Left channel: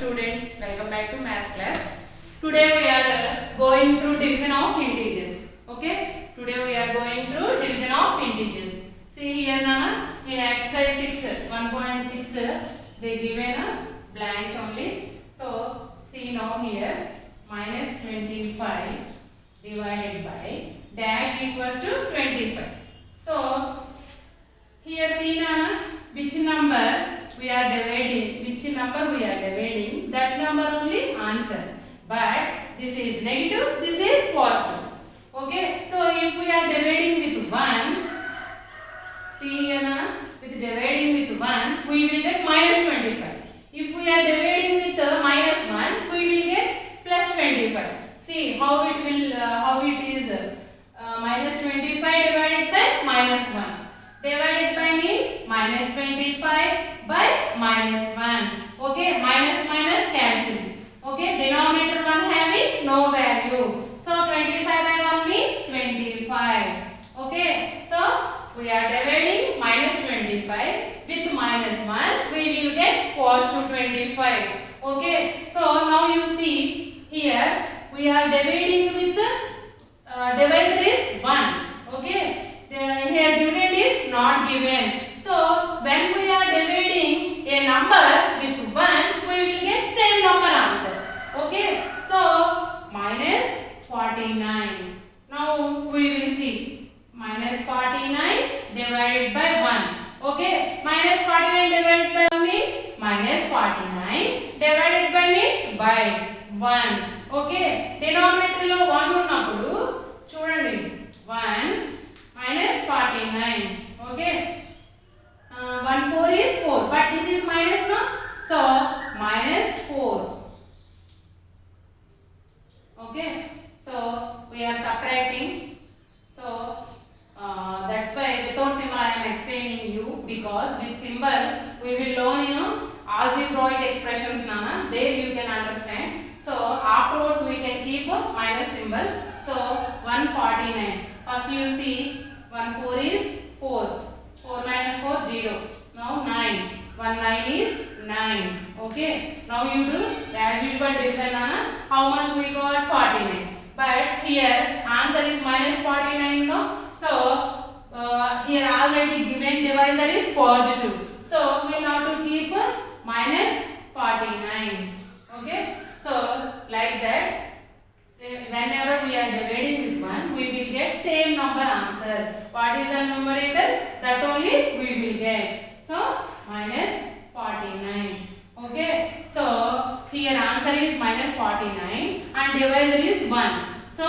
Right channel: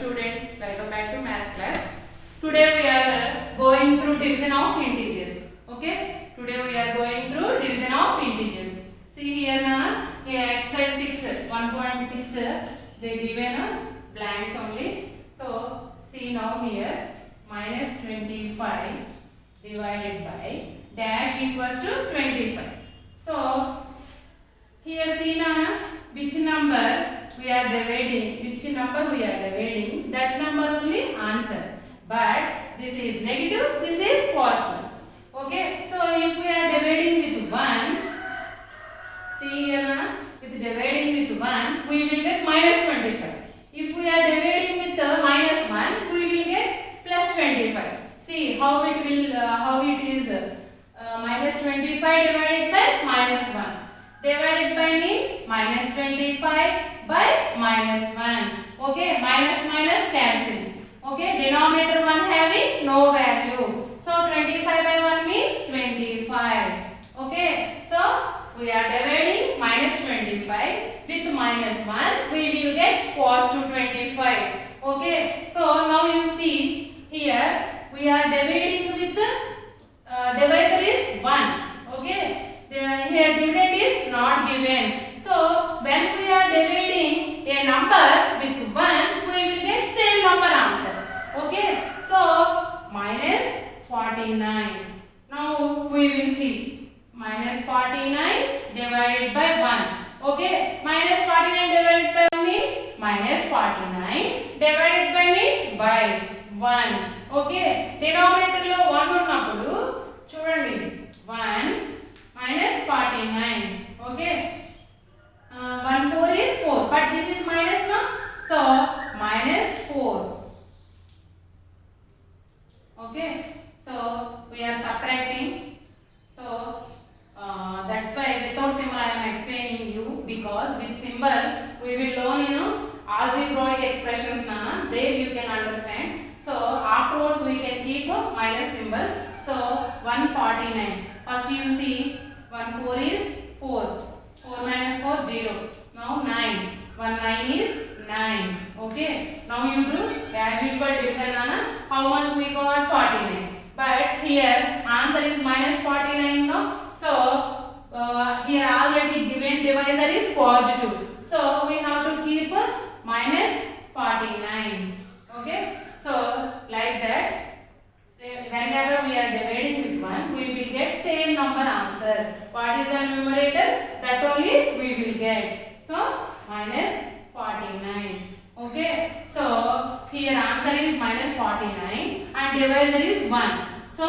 students, welcome back to math class. Today we are going through division of integers. Okay, today we are going through division of integers. See here Nana, in exercise 6 1.6 they given us blanks only. So see now here minus 25 divided by dash equals to 25. So here see Nana, which number we are dividing, that number only answer. But this is negative, this is positive. Okay, so if we are dividing with 1, see here Nana, with dividing with 1 we will get minus 25. If we are dividing with minus 1 we will get plus 25. See how it will is minus 25 divided by minus 1. Divided by means minus 25 by minus 1. Okay, minus minus cancel. Okay, denominator 1 having no value. So 25 by 1 means 25. Okay, so we are dividing minus 25 with minus 1. We will get positive 25. Okay, so now you see here we are dividing with divisor is 1. Okay. Here dividend is not given. So when we are dividing a number with 1, we will get same number answer. Okay. So minus 49. Now we will see minus 49 divided by 1. Okay. Minus 49 divided by 1 means minus 49 divided by means by 1. Okay. Denominator lo 1 ఉన్నప్పుడు చూడండి 1 minus 49. Okay, 1 4 is 4, but this is minus now, so minus 4. Okay, so we are subtracting. So that's why without symbol I am explaining you, because with symbol we will learn algebraic expressions Nana, there you can understand. So afterwards we can keep a minus symbol. So 149. First you see 1 4 is 4. 4 minus 4 0. Now 9. 1 9 is 9. Okay. Now you do as usual division Nana. How much we got? 49. But here answer is minus 49 no. So here already given divisor is positive. So we have to keep minus 49. Okay. So like that. Whenever we are dividing with 1, we will get same number answer. What is the numerator? That only we will get. So minus 49. Okay. So here answer is minus 49 and divisor is 1. So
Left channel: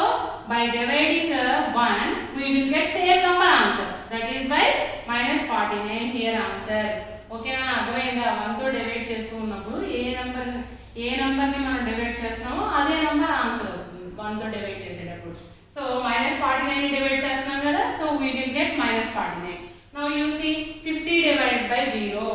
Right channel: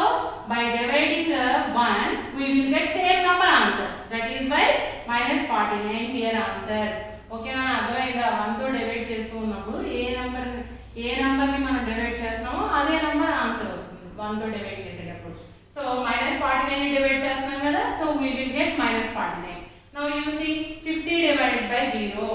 by dividing 1, we will get same number answer. That is why minus 49 here answer. Okay నా అర్థమైందా? 1 తో divide చేస్తూ ఉన్నప్పుడు ఏ number ని మనం divide చేస్తామో అదే number answer వస్తుంది 1 తో డివైడ్ చేసేటప్పుడు. సో minus 49 ని డివైడ్ చేస్తున్నాం కదా, so we will get minus 49. Now you see 50 divided by 0.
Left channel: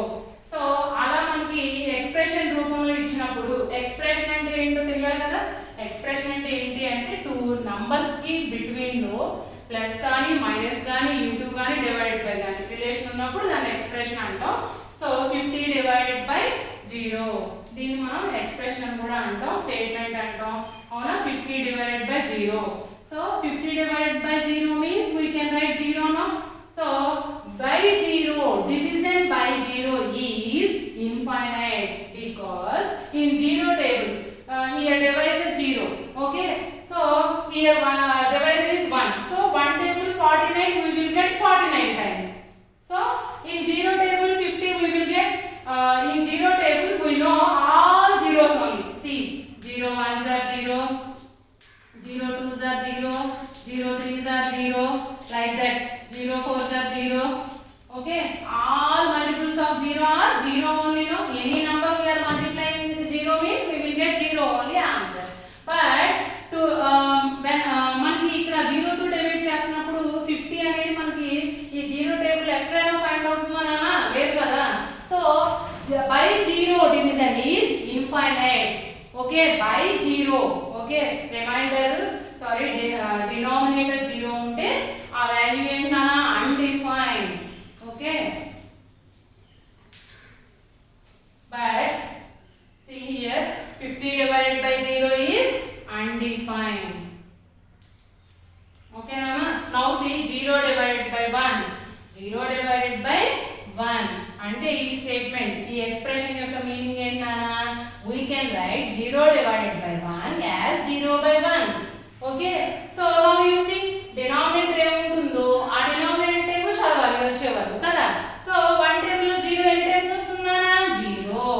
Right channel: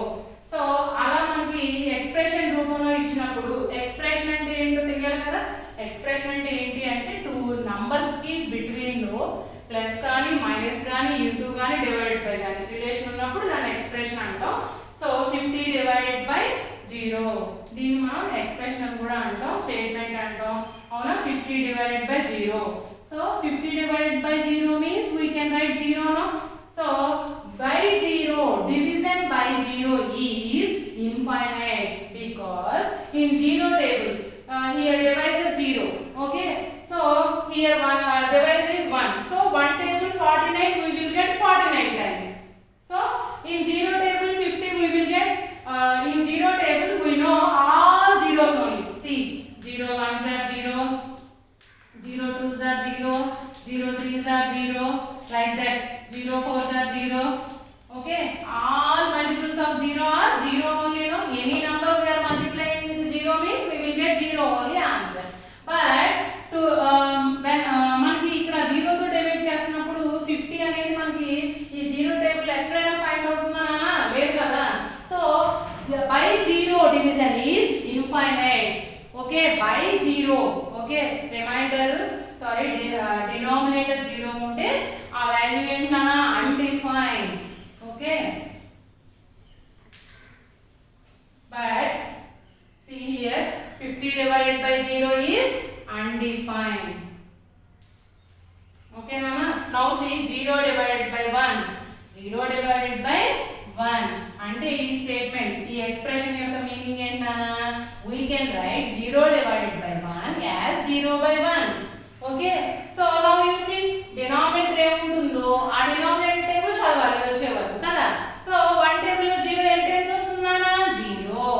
So అలా మనకి ఎక్స్ప్రెషన్ రూపంలో ఇచ్చినప్పుడు ఎక్స్ప్రెషన్ అంటే ఏంటో తెలియాలి కదా. ఎక్స్ప్రెషన్ అంటే ఏంటి అంటే టూ నంబర్స్ కి బిట్వీన్ లో ప్లస్ కానీ మైనస్ కానీ ఇంటూ కానీ డివైడెడ్ బై కానీ రిలేషన్ ఉన్నప్పుడు దాన్ని ఎక్స్ప్రెషన్ అంటాం. సో 50 డివైడెడ్ బై 0 దీన్ని మనం ఎక్స్ప్రెషన్ అని కూడా అంటాం, స్టేట్మెంట్ అంటాం. అవునా? 50 divided by 0. So 50 divided by 0 means we can write 0 now. So by 0, division by 0 is infinite, because in 0 table here divisor 0. Okay, so here one divisor is 1. So 1 table 49 we will get 49 times. So in 0 table 50 we will get in 0 table we know all zeros only. See 0 1s are 0, 0 2s are 0, 0 3s are 0, like that. 0 4s are 0. Okay, all multiples of 0 are 0 only. No, any number we are multiplying with 0 means we will get 0 only answer. But to when మనకి ఇక్కడ 0 తో divide చేస్తున్నప్పుడు 50 అనేది మనకి ఈ 0 table ఎక్కడైనా find అవుతుందనా? లేదు కదా. So by 0 division is infinite. Okay, by 0. Okay, reminder, sorry, denominator 0 ఉంటే ఆ వాల్యూ ఏంటన్నా? undefined. Okay, but see here undefined. Okay, Nana? Now see 0 divided by 1. 0 divided by 1. అంటే ఈ స్టేట్మెంట్ ఈ ఎక్స్ప్రెషన్ యొక్క మీనింగ్ ఏంటి నానా? We can write 0 divided by 1 as 0 by 1. Okay? So now you see denominator ఏముంటుందో ఆ denominator table చదవాలి వచ్చే వరకు కదా. సో 1 టేబుల్ లో 0 ఎన్ని టైమ్స్ వస్తుంది నానా? 0.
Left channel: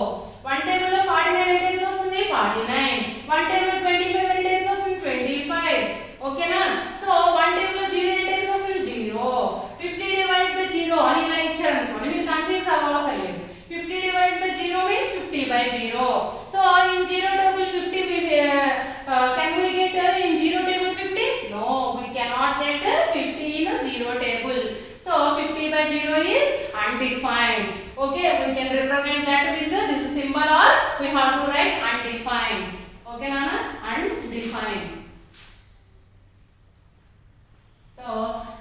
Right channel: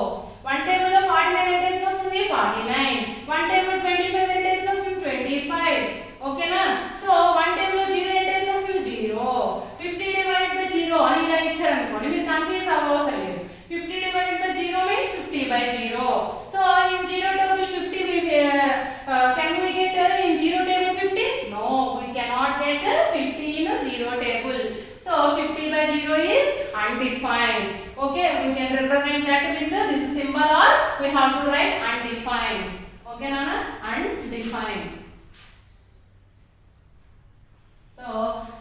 1 టేబుల్ లో 49 ఎన్ని టైమ్స్ వస్తుంది? 49. 1 టేబుల్ లో 25 ఎన్ని టైమ్స్ వస్తుంది? 25. ఓకేనా? సో 1 టేబుల్ లో 0 ఎన్ని టైమ్స్ వస్తుంది? 0. 50 divided by 0 అని ఇలా ఇచ్చారు అనుకోండి మీరు కన్ఫ్యూజ్ అవ్వవసరం లేదు. 50 divided by 0 means 50 by 0. So in 0 table 50 we can we get in 0 table 50? No, we cannot get 50 in 0 table. So 50 by 0 is undefined. Okay, we can represent that with this symbol or we have to write undefined. Okay, Nana? Undefined. So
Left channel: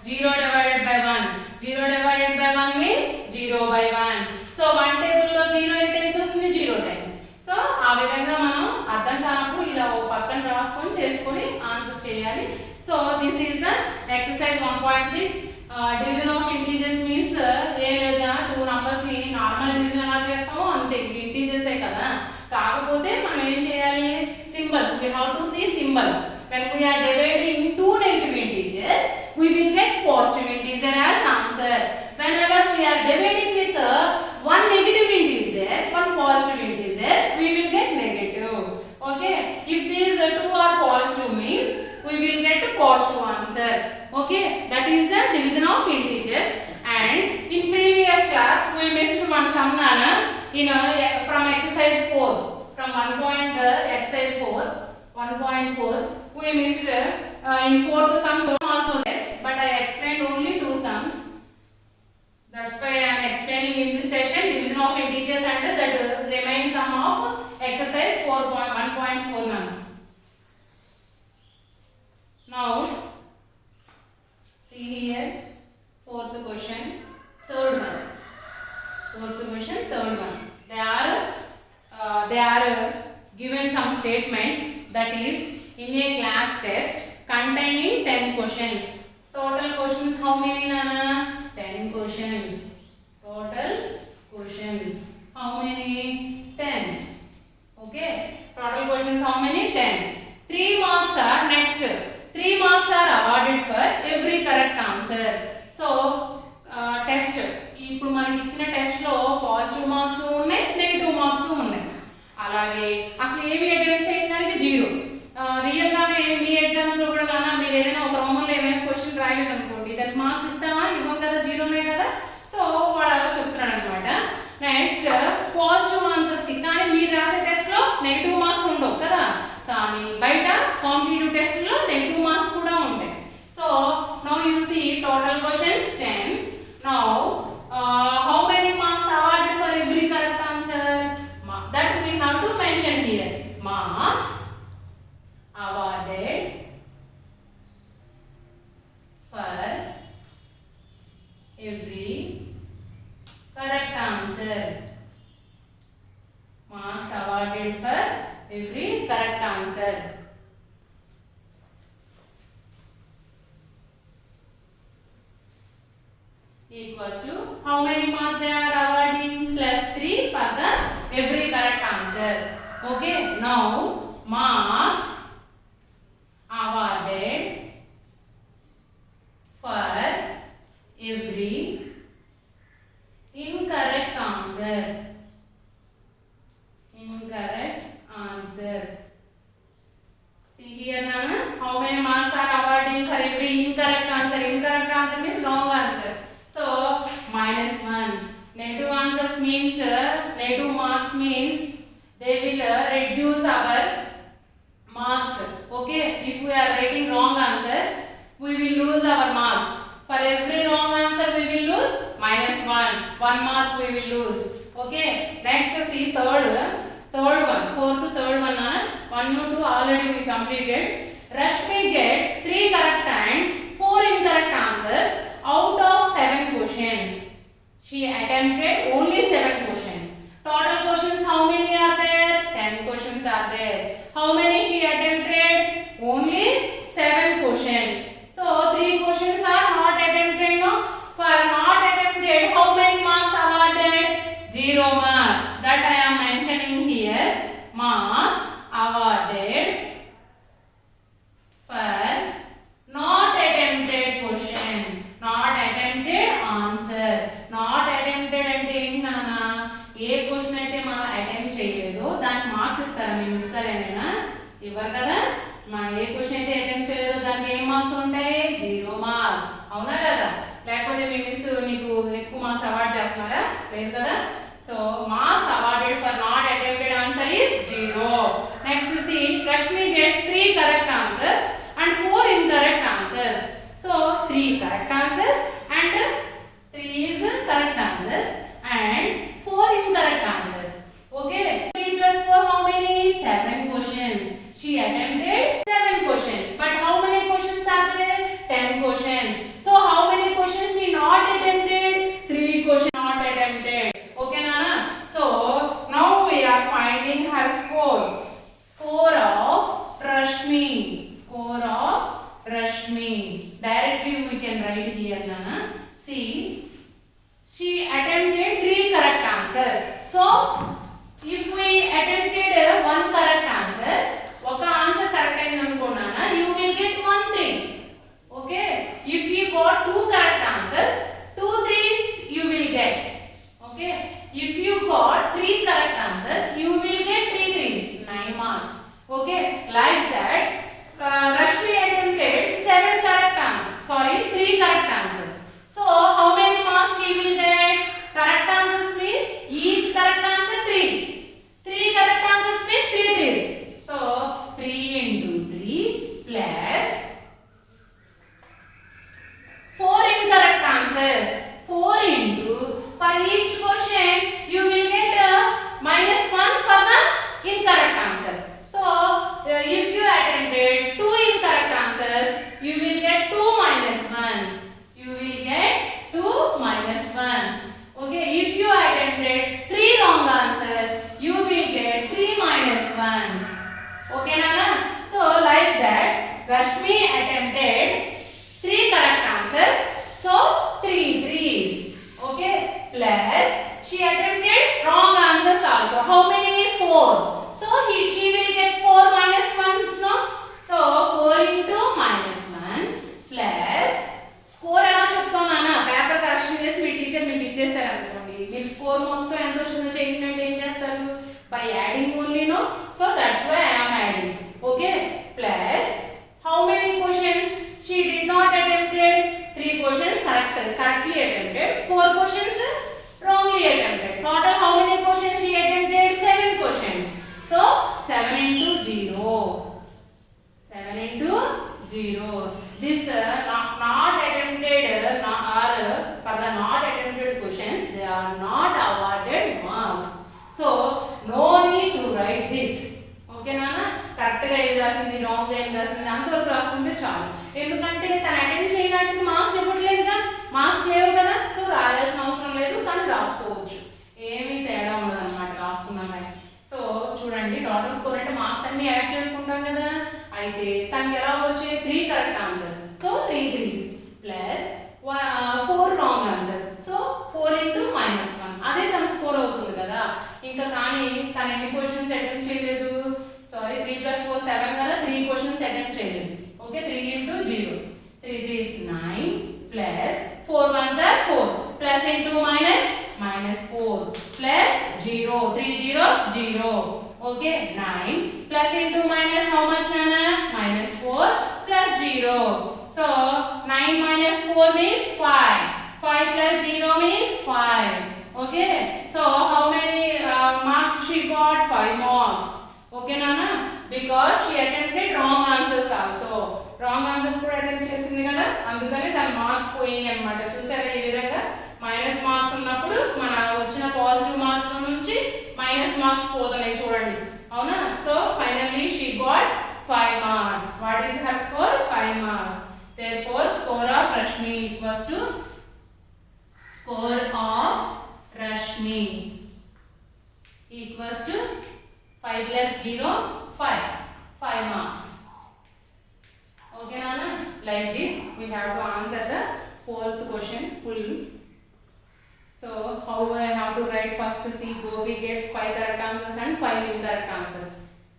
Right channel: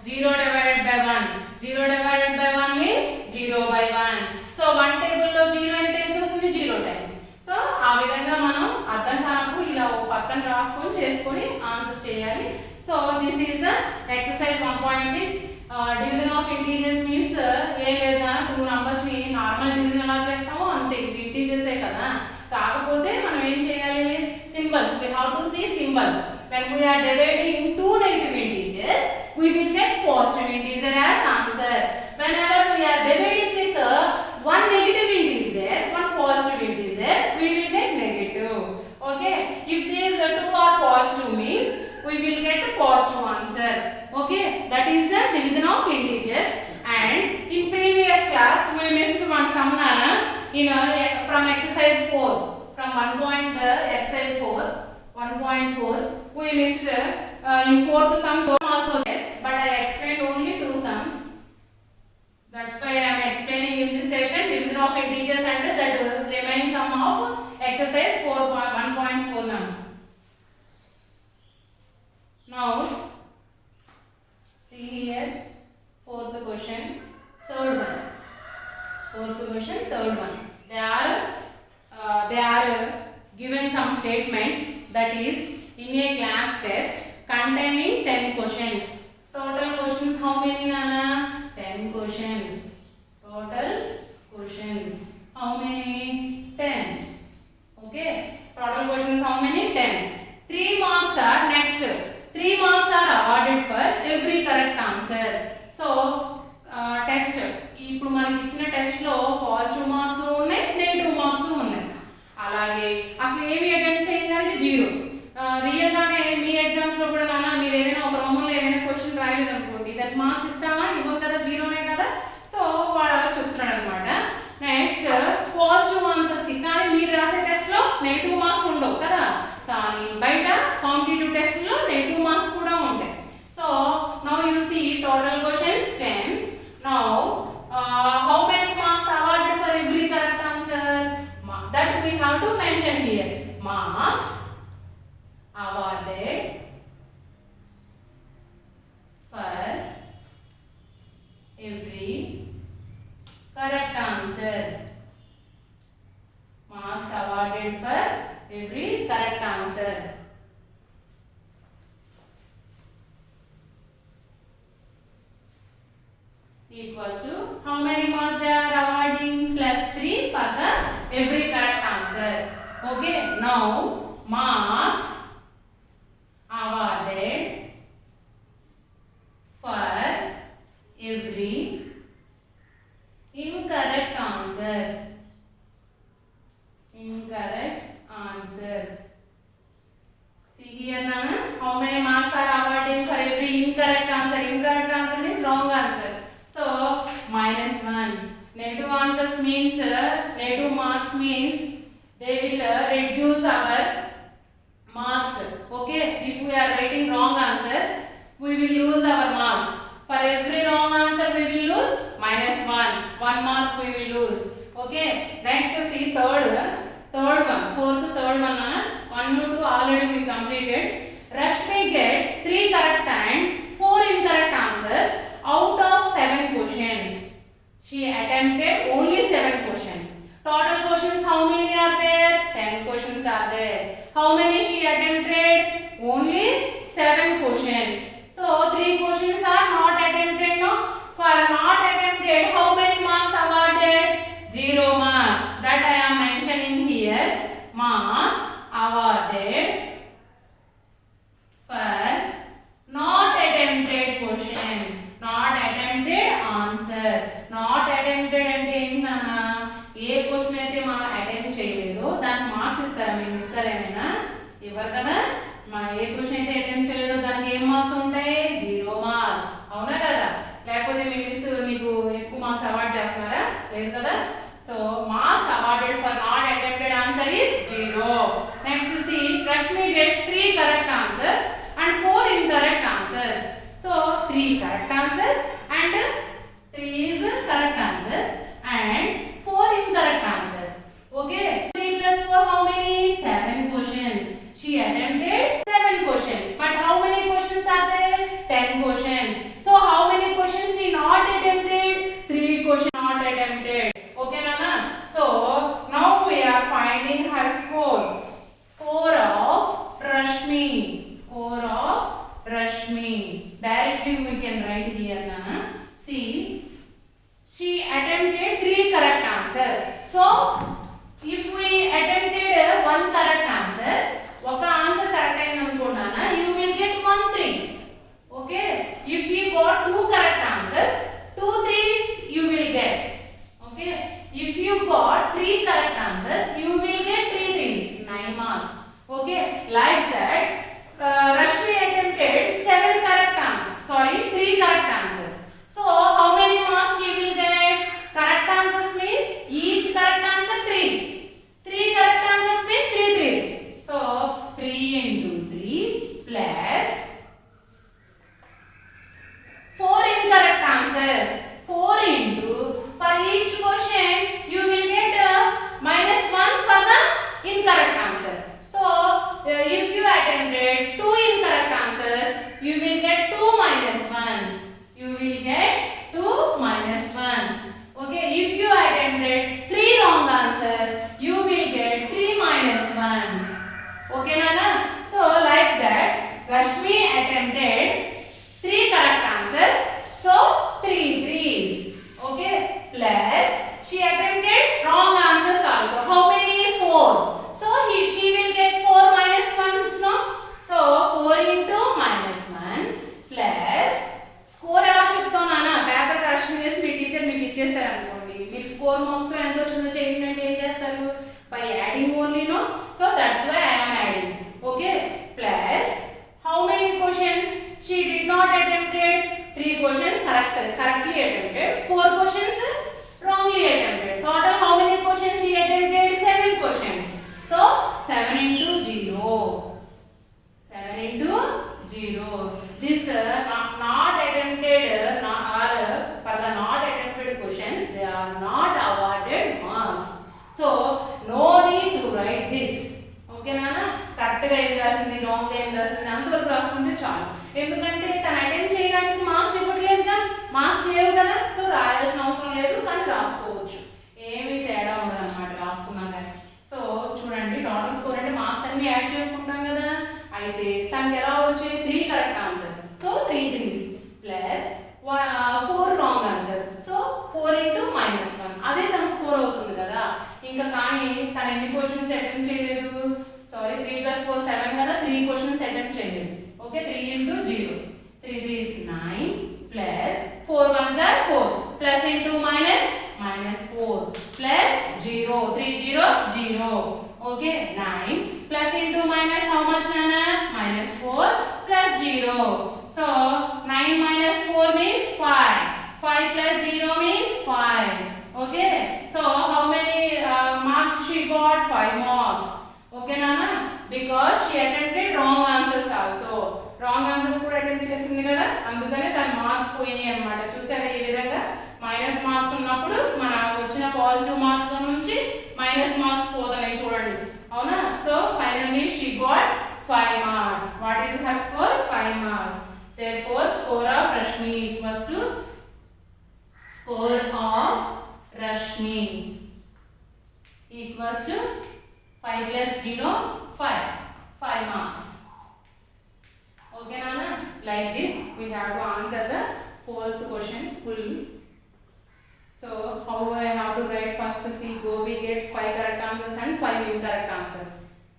0 divided by 1. 0 divided by 1 means 0 by 1. So 1 table లో 0 ఎన్ని times వస్తుంది? 0 times. So ఆ విధంగా మనం అర్థం కానప్పుడు ఇలా ఒక పక్కన రాసుకొని చేసుకొని ఆన్సర్స్ చేయాలి. So this is the exercise 1.6. Division of integers means a లేదా 2 నంబర్స్ ని నార్మల్ డివిజన్ ఎలా చేస్తామో అంతే ఇంటీజర్సే కదా. కాకపోతే మనం ఏం చేయాలి? Symbols. We have to see symbols. When we are dividing in two negative integers, we will get positive integer as answer. Whenever we are dividing with one negative integer, one positive integer, we will get negative. Okay? If these two are positive means we will get a positive answer. Okay? That is the division of integers. And in previous class we missed one sum nana from exercise 4. From exercise 4, 1.4 we missed in fourth sum also there, but I explained only 2 sums. That's why I am explaining in this session division of integers and that remaining sum of exercise 4.1.4 now. Now see here fourth question, third one. Fourth question, third one. They are given some statement that is in a class test containing 10 questions. Total questions how many nana? 10 questions. Total questions how many? 10. Okay, total questions how many? 10. 3 marks are next. 3 marks are awarded for every correct answer. So test ఇప్పుడు మనకి ఇచ్చిన test లో positive marks ఉన్నాయి, negative marks ఉన్నాయి. అలాగే అసలు ఏమి attempt చేయడానికి 0. రియల్ గానే మీ ఎగ్జామ్స్ లో కూడా నాన్న మీరు ఏదైనా ఒక రోమన్ లో ఏమైనా క్వశ్చన్ రాయలేదు అనుకోండి దానికి మార్క్స్ ఇస్తామా? ఇవ్వం కదా, 0నే కదా. సో వాడు అలా చెప్తున్నాడు అనమాట. నెక్స్ట్ పాజిటివ్ ఆన్సర్స్ కి కానీ మీరు రాసే టెస్ట్ లో నెగటివ్ మార్క్స్ ఉండవు కదా, కానీ బయట కాంపిటేటివ్ టెస్ట్ లో నెగటివ్ మార్క్స్ కూడా ఉంటాయి. So now you see total questions 10. Now how many marks awarded for every correct answer? That we have to mention here. Marks awarded for every correct answer. Marks awarded for every correct answer. Equals to how many marks they are awarding? Plus 3 for the every correct answer. Okay, now marks awarded for every incorrect answer. Incorrect answer. See here Nana, how many marks are awarding for every incorrect answer? Incorrect answer means wrong answer. So -1. Negative answers means negative marks means they will reduce our marks. Okay, if we are writing wrong answer we will lose our marks. For every wrong answer we will lose -1. 1 mark we will lose. Okay, next see third one, fourth third one. 1 to 2 already we completed. Rashmi gets 3 correct and 4 incorrect answers out of 7 questions. She attempted only 7 questions. Total questions how many are there? 10 questions are there. How many she attempted? questions. So 3 questions are not attempted. No, for not attempted, how many marks awarded? 0 marks. That I am mentioning here. Marks awarded for not attempted question, not attempted answer. Not attempted అంటే ఏంటి నాన్న? ఏ question అయితే మనం attempt చేయలేదో దానికి marks ఇస్తారా? మేము ఇస్తారా ఏమైనా? ఇవ్వరు కదా. ఏ క్వశ్చన్ అయితే అటెంప్ట్ చేయలేదో దానికి ఏం మార్క్స్ ఉంటాయి? 0 మార్క్స్. అవునా కదా? లేకపోతే మీ మిస్ నీకు ఎక్కువ మార్క్స్ అవార్డ్ చేస్తున్నారా? లేదు కదా. So marks awarded for not attempted answer is 0. Next see, Rashmi gets 3 correct answers and 4 incorrect answers. So 3 correct answers and 3 is correct answers and 4 incorrect answers. Okay, 3 plus 4 how many? 7 questions. She attempted 7 questions. But how many questions are there? 10 questions. So how many questions she not attempted? 3 questions not attempted. Okay Nana. So now we are finding her score. Score of Rashmi. Score of Rashmi. Directly we can write here Nana. See, she attempted 3 correct answers. So if we attempted 1 correct answer, oka answer correct ayindi anukunnana, you will get 1 3. Okay, if you got 2 correct answers, 2 3s you will get. Okay, if you got 3 correct answers, you will get 3 3s, 9 marks. Okay, like that Rashmi attempted 7 correct answers, sorry 3 correct answers. So how many marks she will get? Correct answers means each correct answer 3. 3 correct answers means 3 3s. So 3 into 3 plus 4 incorrect answers. 4 into, for each question you will get -1 for the incorrect answer. So if you attempted 2 incorrect answers, you will get 2 minus 1s. You will get 2 minus 1s. Okay, if you attempted 3 wrong answers, you will get 3 minus 1s. Okay Nana. So like that Rashmi attempted 3 correct answers, so 3 3s. Okay, plus she attempted wrong answers also. How many? 4. So she will get 4 minus 1s, no? So 4 into minus 1 plus score ఎలా చెప్తాం నాన్న? Paper correction చేసి మీ teacher మీకు ఇచ్చేస్తారు అనుకోండి, మీకు score మొత్తం ఎంత వచ్చిందో చేయండి అంటే ఏం చేస్తారు? By adding only, no? So that's why I am adding. Okay, plus how many questions she did not attempted? 3 questions correctly attempted, 4 questions wrongly attempted. Total how many questions she attempted? 7 questions. So 7 into 0. 7 into 0. This not attempted or for the not attempted questions, they are not awarded marks. So no need to write this. Okay Nana. కరెక్ట్గా ఏది రాసింది, రాంగ్గా ఏది రాసింది అంతవరకు రాసుకుంటే చాలు. ఎందుకంటే తను అటెండ్ చేయడానికి మార్క్స్ ఇవ్వట్లేదుగా, మార్క్స్ లేవు కదా. సో రాయాల్సిన అవసరం లేదు, కానీ రాసుకోవచ్చు, ఏమీ తేడా ఉండదు అనమాట రాసుకున్నాం కానీ. సో చూడండి, టోటల్ స్కోర్ అంటే మార్క్స్ అన్ని యాడ్ చేసుకుంటాం కదా. అయితే తనకి ఎలా వచ్చాయి? 3 correct answers, so 3 3s plus 4 wrong answers, so 4 into -1. అదే తన స్కోర్ అవుతుంది కదా. ఇంకా కానీ తను ఎన్ని క్వశ్చన్స్ అటెంప్ట్ చేయలేదు? సారీ, 3 plus 4 7 కదా. 3 questions attempt చేయలేదు. Okay, 3 into 0. 3 3 is 9 plus 4 1s are 4 plus into minus -4 plus 0. 3 zeros 0. Okay, 9 plus into minus how much Nana? -4 plus 0. So 9 minus 4 means 5. 5 plus 0 means 5. Okay, so how many marks she got? 5 marks. Okay Nana, because she attempted wrong answers also. Wrong answers కూడా attempt చేసింది కదా, అందుకనే తన marks పోయాయి అన్నమాట. చూసారా ఈ విధంగా మైనస్ మార్క్స్ ఉన్నప్పుడు మన వచ్చిన పాజిటివ్ మార్క్స్ నుంచి మైనస్ మార్క్స్ పోతున్నాయి చూడండి, అవునా? So finally she got 5 marks. What is her score? 5 marks. Therefore score of Rashmi equals to score of Rashmi equals to 5 plus 0 5 marks. Okay Nana. like this. We have to answer the fourth question full. So how I have to write? First, see, Gopi gets 5 correct answers and 5 incorrect answers.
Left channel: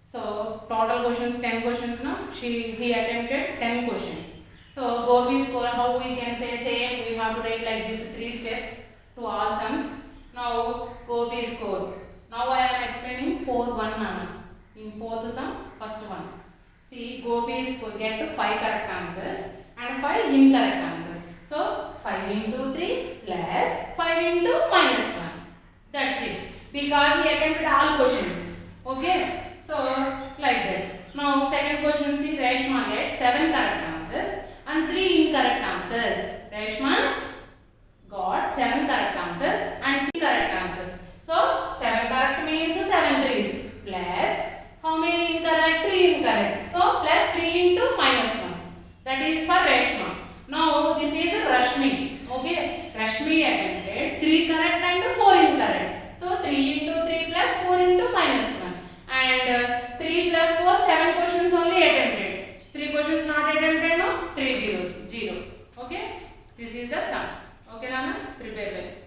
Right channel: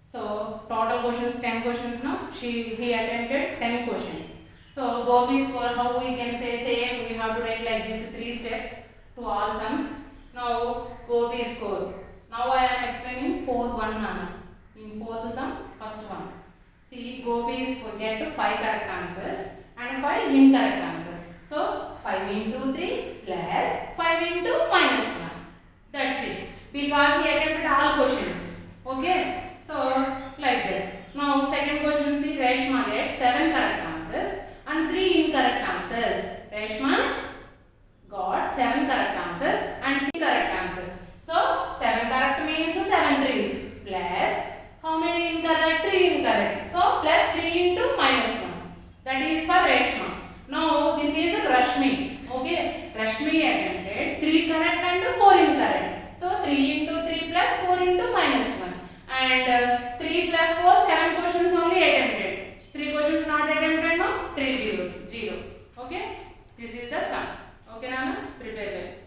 So total questions 10 questions. No, he attempted 10 questions. So Gopi score, how we can say same? We have to write like this 3 steps to all sums. Now Gopi score. Now I am explaining fourth one now. In fourth sum, first one. See, Gopi get 5 correct answers and 5 incorrect answers. So 5 into 3 plus 5 into minus 1. That's it. Because he attempted all questions. Okay. So like that. Now second question, see, Reshma gets 7 correct answers and 3 incorrect answers. Reshma got 7 correct answers and 3 correct answers. So 7 correct means 7 threes plus how many incorrect? 3 incorrect. So plus 3 into minus 1. That is for Reshma. Now this is Rashmi. Okay, Rashmi attempted 3 correct and 4 incorrect. So 3 into 3 plus 4 into minus 1. And 3 plus 4, 7 questions only attempted. 3 questions not attempted, no? 3 zeros, 0. Okay, this is the sum. Okay, Nana, prepare well.